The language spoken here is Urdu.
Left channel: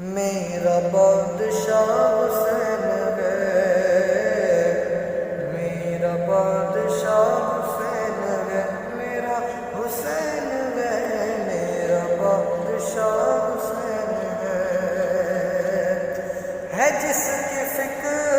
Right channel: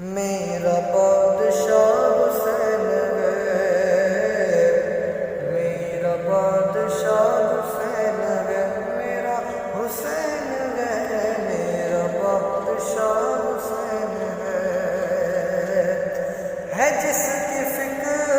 میرا بادشاہ حسین ہے، میرا بادشاہ حسین ہے، میرا حسین ہے، میرا بادشاہ حسین ہے جس کی فکر